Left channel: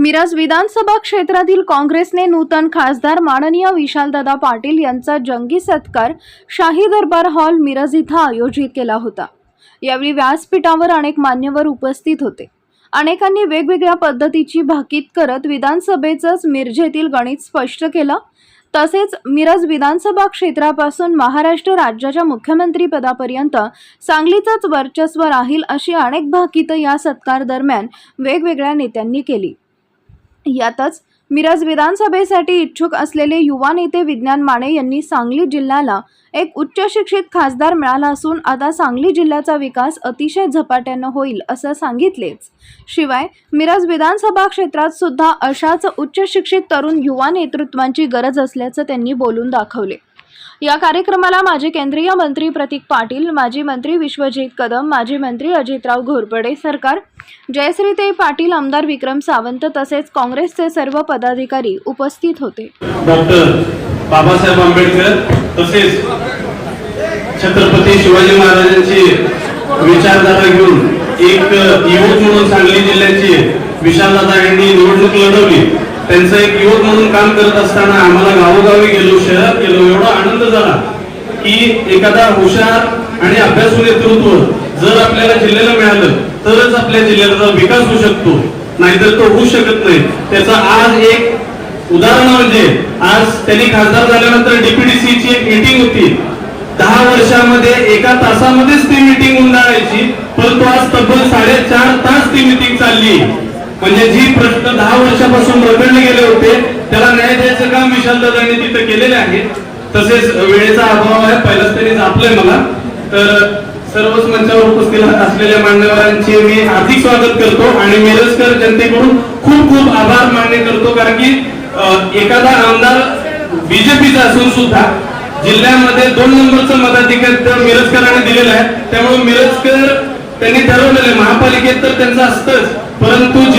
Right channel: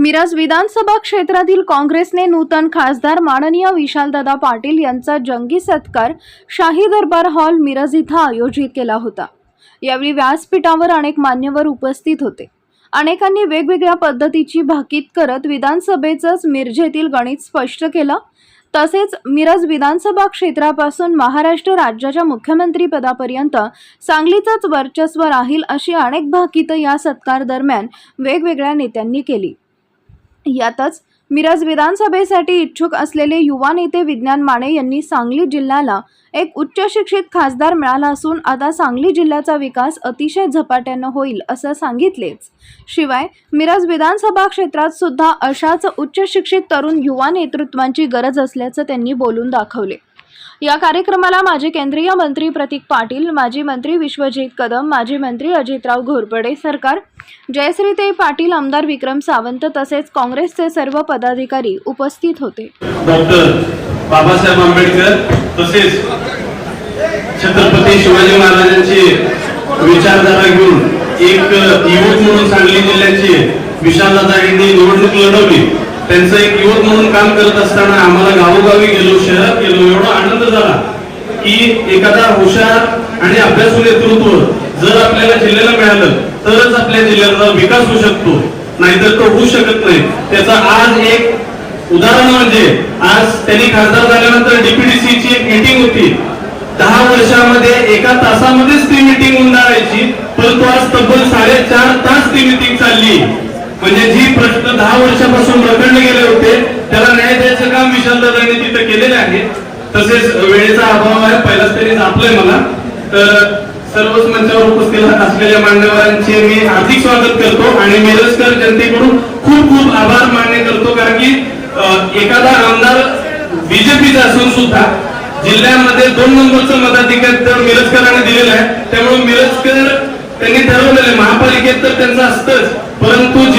मिरज विधानसभा क्षेत्रातील काँग्रेसने नूतन खासदार माननीय विशालदादा पाटील यांचा जंगी सत्कार शाही दरबार हॉल मिरज इथं आयोजित केला होता. यावेळी व्यासपीठावर अनेक मान्यवर उपस्थित होते. अनेकांनी वेगवेगळ्या पद्धतीची भाकीत करत विधानसभेचंच मिरजेतील गणित स्पष्ट केलं. तसेच मिरज विधानसभा क्षेत्रापासून महाराष्ट्र राज्याच्या मुख्यमंत्रीपदापर्यंत सांगलीचंच वर्चस्व राहील अशी अनेक भाकीतं या सत्कार दरम्यान वेगवेगळ्या नेत्यांनी केली. यातच मिरज विधानसभेसाठी इच्छुक असलेले युवा नेते विज्ञान माने यांनी सांगली जिल्ह्याला एक उच्च शिक्षित खासदार मिळाला असून आता सांगली जिल्ह्याचा विकास अतिशय झपाट्यानं होईल असं सांगितलेच. शिवाय मिरज विधानसभा क्षेत्रात सुद्धा अशाच उच्च शिक्षित तरुण युवा नेतृत्वांची गरज असल्याचं त्यांनी बोलून दाखवले. या कार्यक्रमाला माजी केंद्रीय मंत्री प्रतीक पाटील माजी मंत्री विश्वजित कदम माजी मंत्री अजितराव घोरपडे सरकार जयश्रीताई पाटील आमदार विक्रम सावंत तसेच काँग्रेसचे सर्व पदाधिकारी उपस्थित होते. डॉक्टर बाबासाहेब आंबेडकर तसेच छत्रपती शिवाजी महाराजांचे विचारधारा घेऊन एक युवक म्हणून सांगली जिल्ह्याची विशालदादा यांनी निवडणूक लढवली. त्यांचं एक युवक म्हणून काम करत असताना आम्हाला गावोगावी गेलो शहरात गेलो एवढा आनंद झाला की एखादा हुशार आणि अभ्यासू नेतृत्व जर आपल्याला जिल्ह्याला मिळालं तरच आपल्या जिल्ह्याचा विकास होऊ शकतो. नाहीतर तो होऊ शकत नाही. त्याचा आज एक उदाहरण म्हणजे आज त्यांनी खासदार झाल्यानंतर डीपीडीसी ची एक मीटिंग होती. दहा वर्षामध्ये एका तासामध्येच ती मीटिंग होऊन जायची परंतु तसेच वेळेचा अभाव आहे पहिलाच तरी आपलं मला. तर सर्वच मंचावर उपस्थित असलेल्या मान्यवरांचे मी हार्दिक स्वागत करतो आणि मिरजकर जनतेकडून खूप खूप आभार मान्य करतो कारण की एखादा आमदार बीजेपीचा असून सुद्धा जिल्ह्यामध्ये दोन नंबरचं मताधिकार तर मिरजकरांनी दिलेला आहे. त्यामुळे मिरजकर त्यांनी ठरवलेलं महापालिकेत तर त्यांचं असतंच परंतु